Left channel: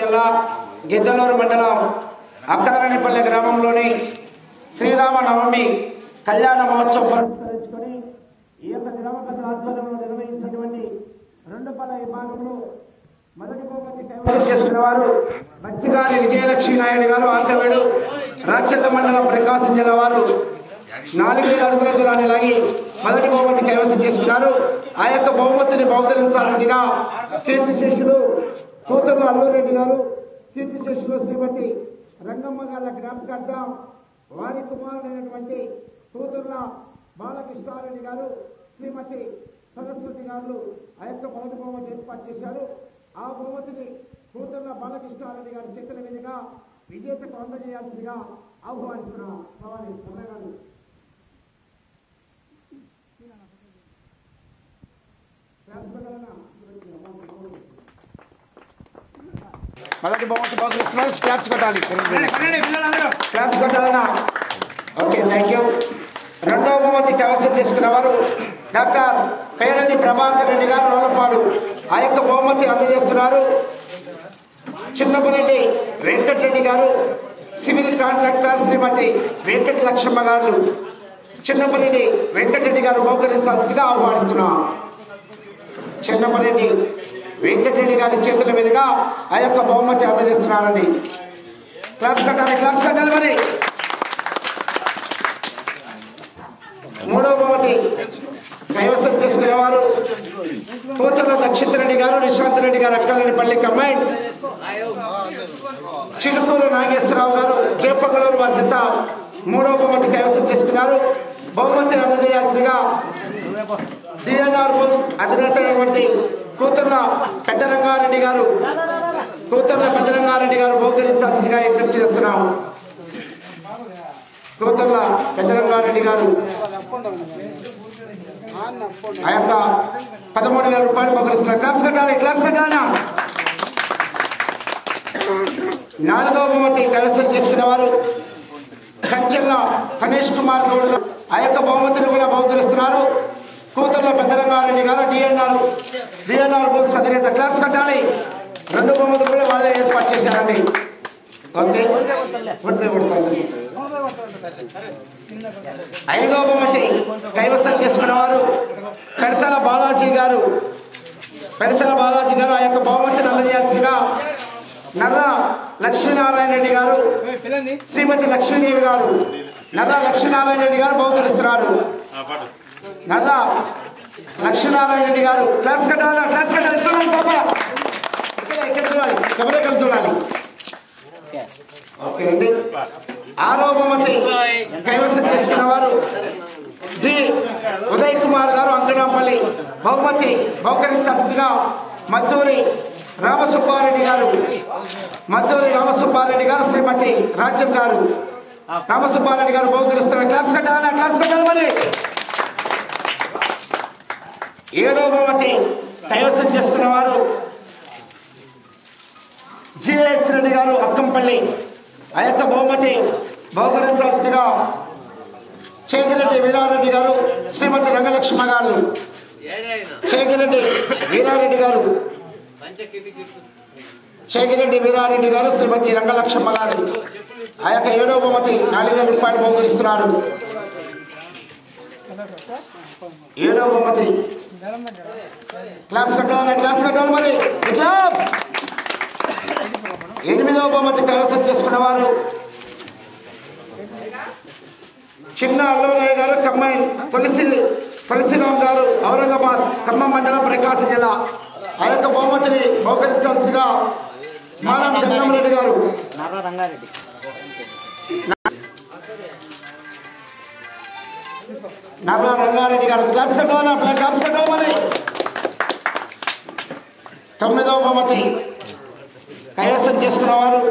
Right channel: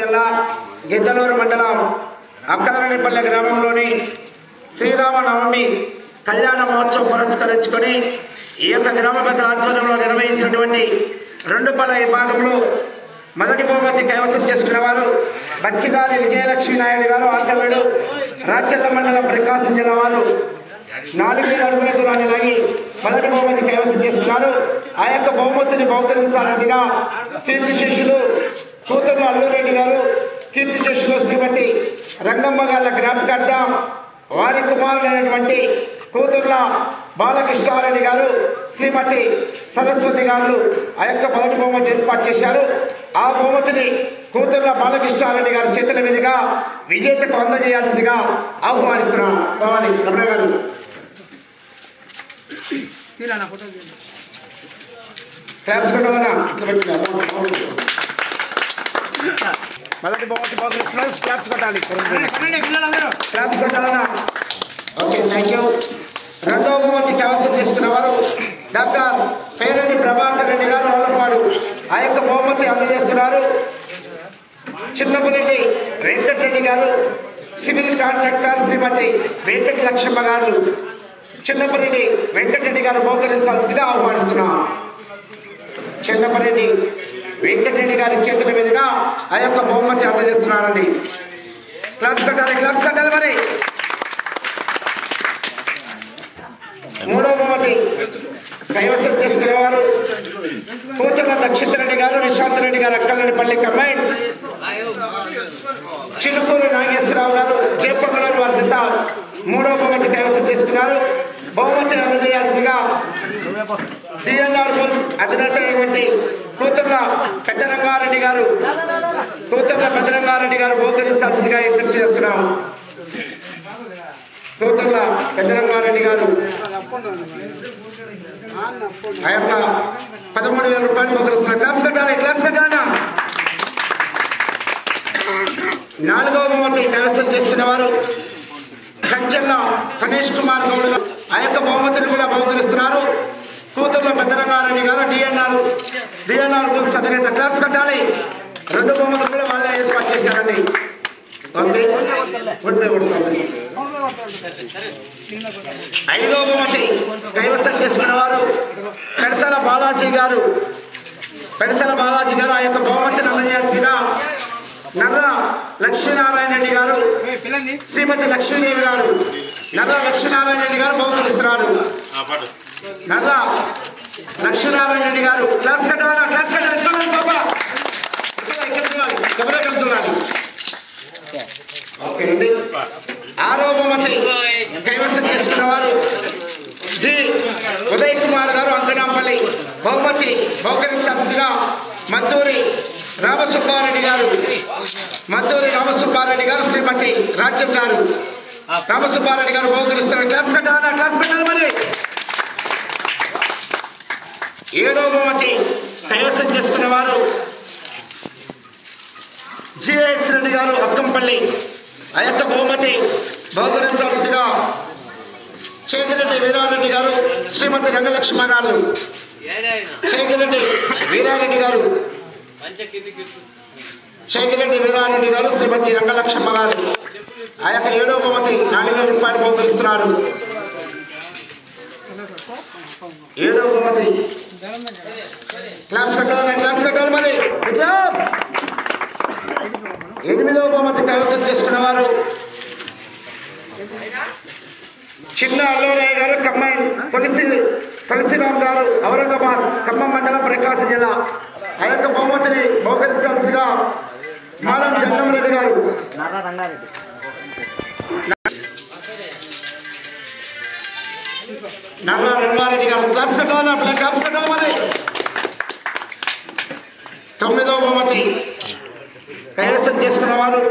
జిల్లా గిద్దలూరు మండలం అక్కలనేపల్లి గ్రామంలోని శ్రీరామ నవమి కళ్యాణ మహోత్సవం పురస్కరించుకొని ఈ యొక్క గ్రామ పెద్దల ఆధ్వర్యంలో నిర్వహించినటువంటి రెండు పల విభాగంలో మొదటి బహుమతి కైవసం చేసుకున్న వారు బచ్చిగారి విజయలక్ష్మి నాయుడు గారు ఆంధ్రవేడు రాచల్ల మండలం ప్రకాశం జిల్లా వారు 4,000 అడుగుల దూరాన్ని లాగి మొదటి బహుమతి కైవసం చేసుకున్నారు. ఆ యొక్క బహుమతిని బహుకరించాల్సిందిగా కీర్తి శిష్యులు కూతురు అల్లూరెడ్డి గారు, కీర్తి శిష్యులు శ్రీమతి రంగమ్మ గారి జ్ఞాపకార్థం వారి కుమారులైనటువంటి కూతుర్ల బాలకృష్ణారెడ్డి గారు, శ్రీమతి సరస్వతి గారు ఆ యొక్క మొదటి బహుమతి ఏర్పాటు చేశారు. ఆ బహుమతిని కూతుర్ల బాలకృష్ణారెడ్డి గారి చేతుల మీదుగా విజేతకు అందజేయాల్సిందిగా ఆహ్వానిస్తున్నాం. కావాలి రమణ గారు. క్లాప్స్ కొట్టమన్నా మొదటి బహుమతి బాగుంది. క్లాప్స్ కొట్టాలి, క్లాప్స్ కొట్టాలన్నా. Okay, thank you. రెండవ బహుమతి కైవసం చేసుకున్న వారు డాక్టర్ పేరెడ్డి ప్రభాకర్ రెడ్డి గారు రోలపాడు ఆ యొక్క బహుమతి అందజేస్తున్నారు. చిన్నపరెడ్డి వెంకటరెడ్డి గారు, సివిల్ కాంట్రాక్టర్ శ్రీమతి వెంకట లక్ష్మమ్మ గారు, చిన్నపరెడ్డి వెంకటరెడ్డి గారు బహుకరించాల్సిందిగా ఆహ్వానిస్తున్నాం. చిన్నపరెడ్డి వెంకటరెడ్డి గారి చేతుల మీదుగా ఆ యొక్క బహుమతి అందజేస్తున్నారండి. క్లాప్స్ కట్టాలి, క్లాప్స్ కట్టాలి. మరి మూడవ బహుమతి కైవసం చేసుకునేవారు కూతుర్ల దక్షిత్ రెడ్డి గారు, నిశాంత్ రెడ్డి గారు అక్కలనిపల్లి కంబైన్, చిలుకూరు నాగేశ్వరరావు గారు జయపంగులూరు వారి జత మూడవ బహుమతి కైవసం చేసుకున్నారు. బహుమతిని అందజేయాల్సిందిగా డిఎన్ఆర్ బుల్స్ అధినేత అయినటువంటి కూతుర్ల పెద్దరంగారెడ్డి గారు బహుకరించాల్సిందిగా విజ్ఞప్తి చేస్తున్నాము. కూతుర్ల పెద్దరంగారెడ్డి గారు ఆ యొక్క 13,000 రూపాయలు బహుకరిస్తున్నారు. క్లాప్స్ కట్టాలి, క్లాప్స్ కట్టాలన్నా. నాలుగవ బహుమతి కైవసం చేసుకున్న వారు కంచెల్ల గణేష్ కుమార్ గౌడ్ ఆ యొక్క బహుమతిని కూడా బహుకరిస్తున్నారు. కూతుర్ల పెద్దరంగారెడ్డి గారు డిఎన్ఆర్ బుల్స్ అధినేత. క్లాప్స్ కట్టాలి. రెండు బహుమతులు కూడా వాళ్ళే ఏర్పాటు చేశారండి. ఓకే, ఐదవ బహుమతి కైవసం చేసుకున్న వారు పెడతల బాలాజీ గారు ఆ యొక్క బహుమతిని అందజేయాల్సిందిగా నర్ర లక్ష్మీనారాయణ రెడ్డి గారు, శ్రీమతి లక్ష్మీదేవి గారు, నర్ర లక్ష్మీనారాయణ రెడ్డి గారు బహుకరిస్తున్నారు. నర్ర లక్ష్మీనారాయణ రెడ్డి గారు క్లాప్స్ కట్టాలి, క్లాప్స్ కట్టాలి. చూడాలి బాబా, ఇక్కడ చూడాలి, కెమెరా చూడాలి. ఓకే అండి. ఆరవ బహుమతి కైవసం చేసుకున్న వారు డి ఉదయ్ కుమార్ గారు అంగనాపల్లి బహుమతి బహుకరించాల్సిందిగా మద్దూరి రామసుబ్బారెడ్డి గారు, శ్రీమతి రాజ్యం గారు, రామసుబ్బారెడ్డి గారు బహుకరిస్తున్నారు. క్లాప్స్ కట్టాలన్నా, క్లాప్స్ కట్టాలి. మరి ఏడవ బహుమతి కైవసం చేసుకున్న వారు జిహెచ్ రెడ్డి గారు అక్కంపల్లి ఆ యొక్క బహుమతి బహుకరించాల్సిందిగా చేగిరెడ్డి వీరారెడ్డి గారు, శ్రీమతి రంగలక్ష్మ గారు, చేగిరెడ్డి వీరారెడ్డి గారు, శ్రీమతి రంగలక్ష్మ గారు ఆ యొక్క ఏడవ బహుమతి 4,000 రూపాయలు బహుకరిస్తున్నారు. ఏడవ బహుమతి క్లాప్స్ కట్టాలి, క్లాప్స్ కట్టాలి. మరి ఎనిమిదవ బహుమతి కైవసం చేసుకున్న వారు చిన్న అల్లూరయ్య గారు ఖమ్మం, తులసిరామ్ గారు ఔరంగాబాద్ ఖమ్మం మండలం ప్రకాశం జిల్లా ఆ యొక్క బహుమతిని బహుకరించాల్సిందిగా నారాయణ జగన్రెడ్డి గారు, నర్ర రంగారెడ్డి గారు. క్లాప్స్ కట్టాలన్నా, క్లాప్స్ కట్టాలి. మరి తొమ్మిదవ బహుమతి కైవసం చేసుకున్న వారు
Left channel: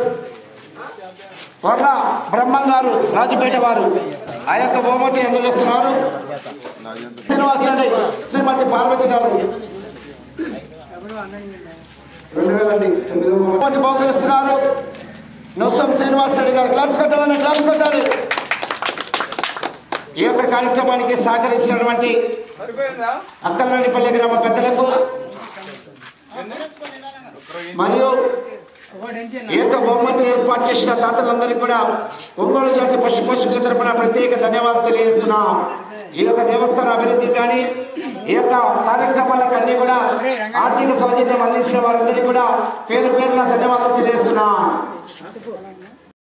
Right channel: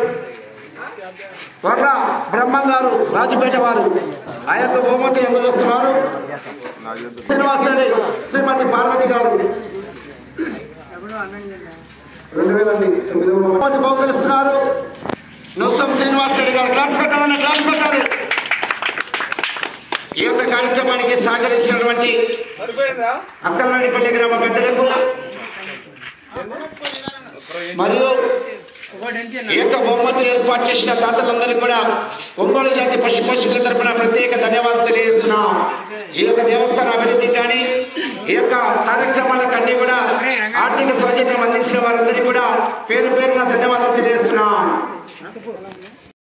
వర్ర బ్రహ్మం గారు, రాజుపేట వారు ఆ యొక్క బహుమతి అందజేస్తున్నారు. శ్రీనివాసరెడ్డి, శ్రీమతి పార్వతి గారు 2009 బహుమతి బహుకరిస్తున్నారు. నొసం శ్రీనివాసరెడ్డి గారు. క్లాప్స్ కట్టాలన్నా, క్లాప్స్ కట్టాలి. ఈ యొక్క కార్యక్రమానికి సహకరించినటువంటి అక్కలనేపల్లి గ్రామ పెద్దలకు మరియు ఈ యొక్క బహుమతి ఏర్పాటు చేసిన దాతలందరికీ కూడా ఒంగోలు జాతి పశు పోషకుల తరపున ప్రత్యేక ధన్యవాదాలు తెలియజేస్తున్నాం. ఈ యొక్క దేవస్థాన అభివృద్ధికి కానీ ఈ యొక్క కార్యక్రమాలకు అన్ని కూడా ఆర్థిక సౌజన్యం అందించిన వారందరికీ కూడా పేరు పేరున ధన్యవాదాలు తెలియజేస్తున్నాం.